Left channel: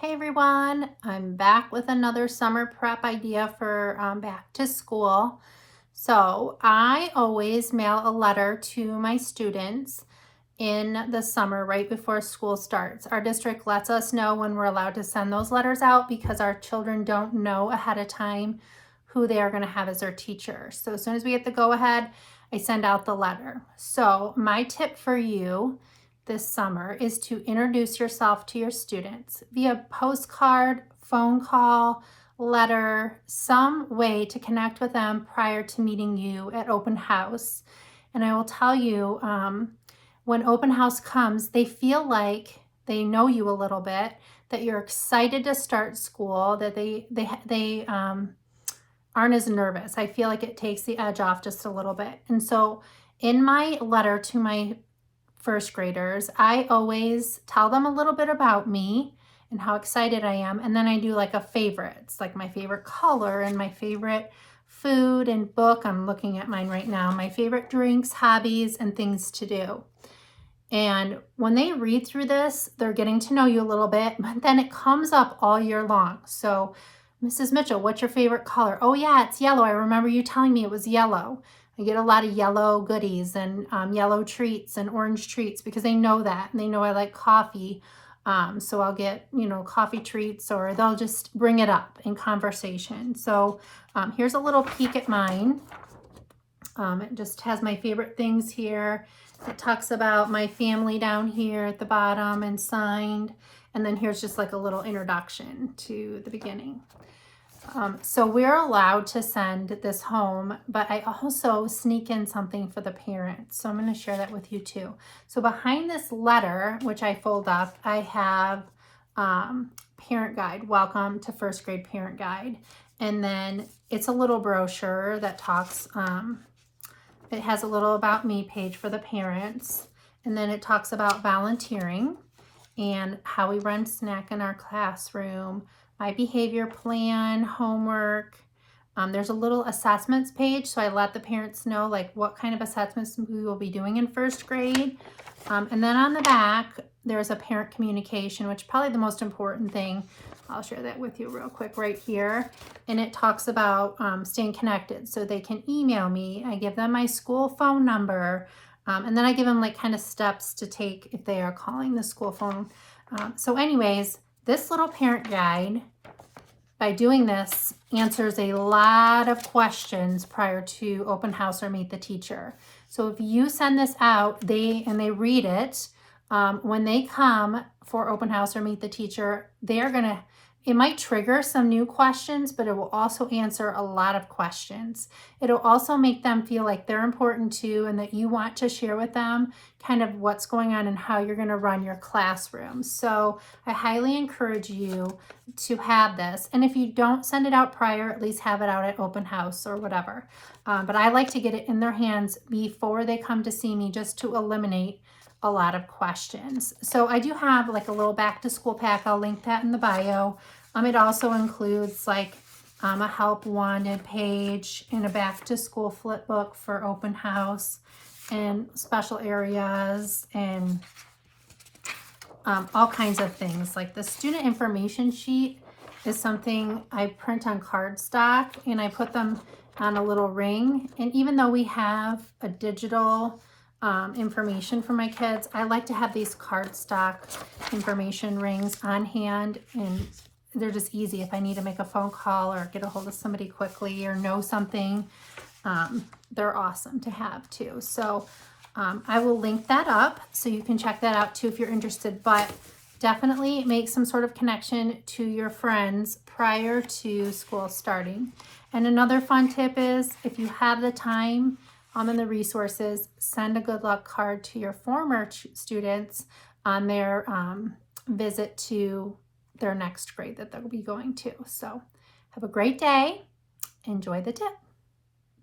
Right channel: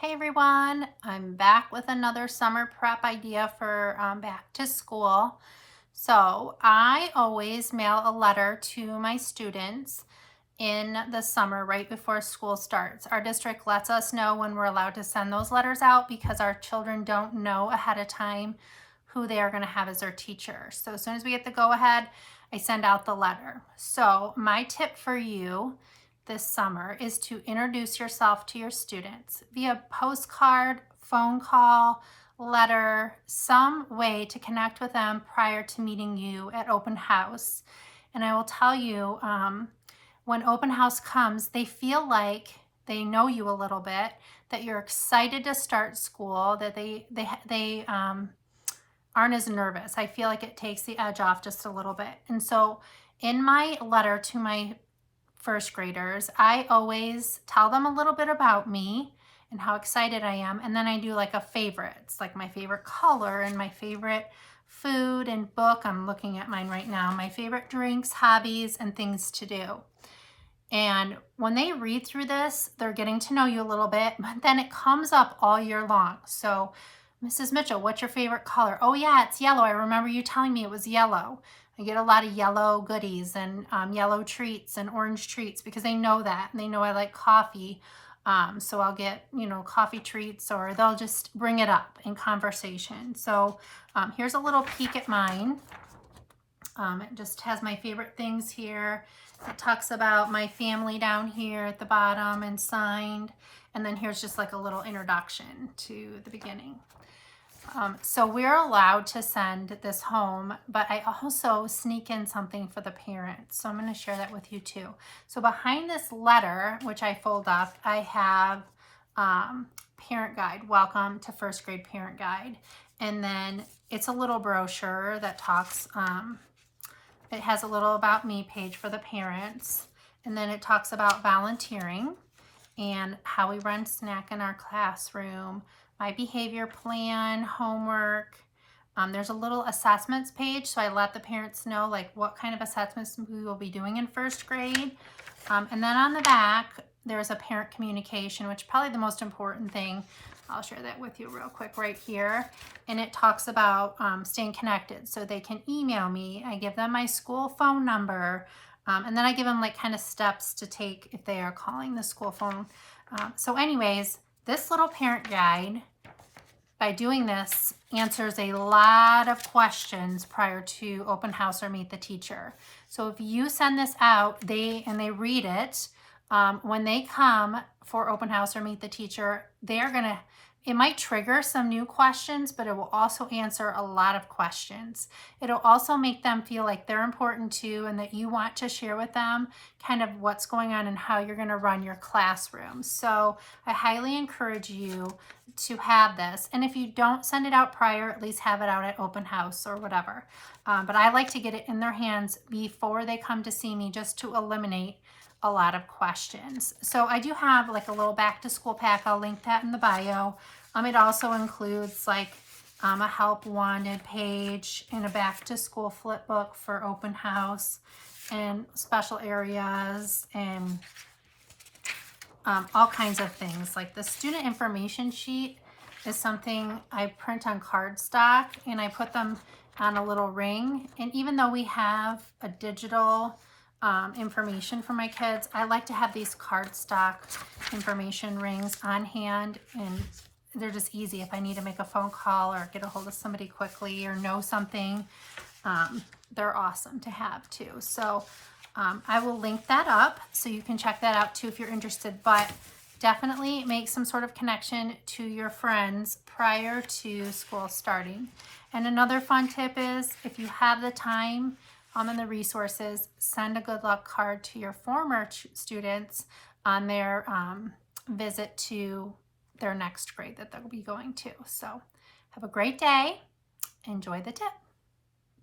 Hey everyone, I'm back with another summer prep idea for back to school. So I always mail a letter to my students in the summer right before school starts. Our district lets us know when we're allowed to send those letters out because our children don't know ahead of time who they are going to have as their teacher. So as soon as we get the go ahead, I send out the letter. So my tip for you this summer is to introduce yourself to your students via postcard, phone call, letter, some way to connect with them prior to meeting you at open house. And I will tell you, when open house comes, they feel like they know you a little bit, that you're excited to start school, that they aren't as nervous. I feel like it takes the edge off just a little bit. And so in my letter to my first graders, I always tell them a little bit about me and how excited I am. And then I do like a favorites, like my favorite color and my favorite food and book. I'm looking at mine right now, my favorite drinks, hobbies, and things to do. And when they read through this, they're getting to know you a little bit, but then it comes up all year long. So, Mrs. Mitchell, what's your favorite color? Oh, yeah, it's yellow. I remember you telling me it was yellow. I get a lot of yellow goodies and yellow treats and orange treats because they know that and they know I like coffee. So I'll get, coffee treats, or they'll just bring it up in conversation. So here's a little peek at mine. It just has my favorite things here. It talks about my family down here at the bottom and signed. And then here's just like a little introduction to the beginning. So we're allowed to send this home, but I also sneak in something for the parents. So I'm going to share that with you too. So behind this letter, which I fold up, I have parent guide, welcome to first grade parent guide. And then it's a little brochure that talks, it has a little about me page for the parents. And then it talks about volunteering and how we run snack in our classroom, my behavior plan, homework. There's a little assessments page, so I let the parents know like what kind of assessments we will be doing in first grade. And then on the back, there's a parent communication, which is probably the most important thing. I'll share that with you real quick right here. And it talks about staying connected, so they can email me. I give them my school phone number. And then I give them like kind of steps to take if they are calling the school phone. So anyways, this little parent guide, by doing this, answers a lot of questions prior to open house or meet the teacher. So if you send this out, they read it, when they come for open house or meet the teacher, it might trigger some new questions, but it will also answer a lot of questions. It'll also make them feel like they're important too, and that you want to share with them kind of what's going on and how you're going to run your classroom. So I highly encourage you to have this. And if you don't send it out prior, at least have it out at open house or whatever. But I like to get it in their hands before they come to see me, just to eliminate a lot of questions. So I do have like a little back to school pack. I'll link that in the bio. It also includes like a help wanted page and a back to school flip book for open house and special areas and all kinds of things. Like the student information sheet is something I print on cardstock and I put them on a little ring. And even though we have a digital information for my kids, I like to have these cardstock information rings on hand, and they're just easy if I need to make a phone call or get a hold of somebody quickly or know something. They're awesome to have too. So I will link that up so you can check that out too if you're interested, but definitely make some sort of connection to your friends prior to school starting. And another fun tip is, if you have the time and the resources, send a good luck card to your former students on their visit to their next grade that they'll be going to. So have a great day. Enjoy the tip.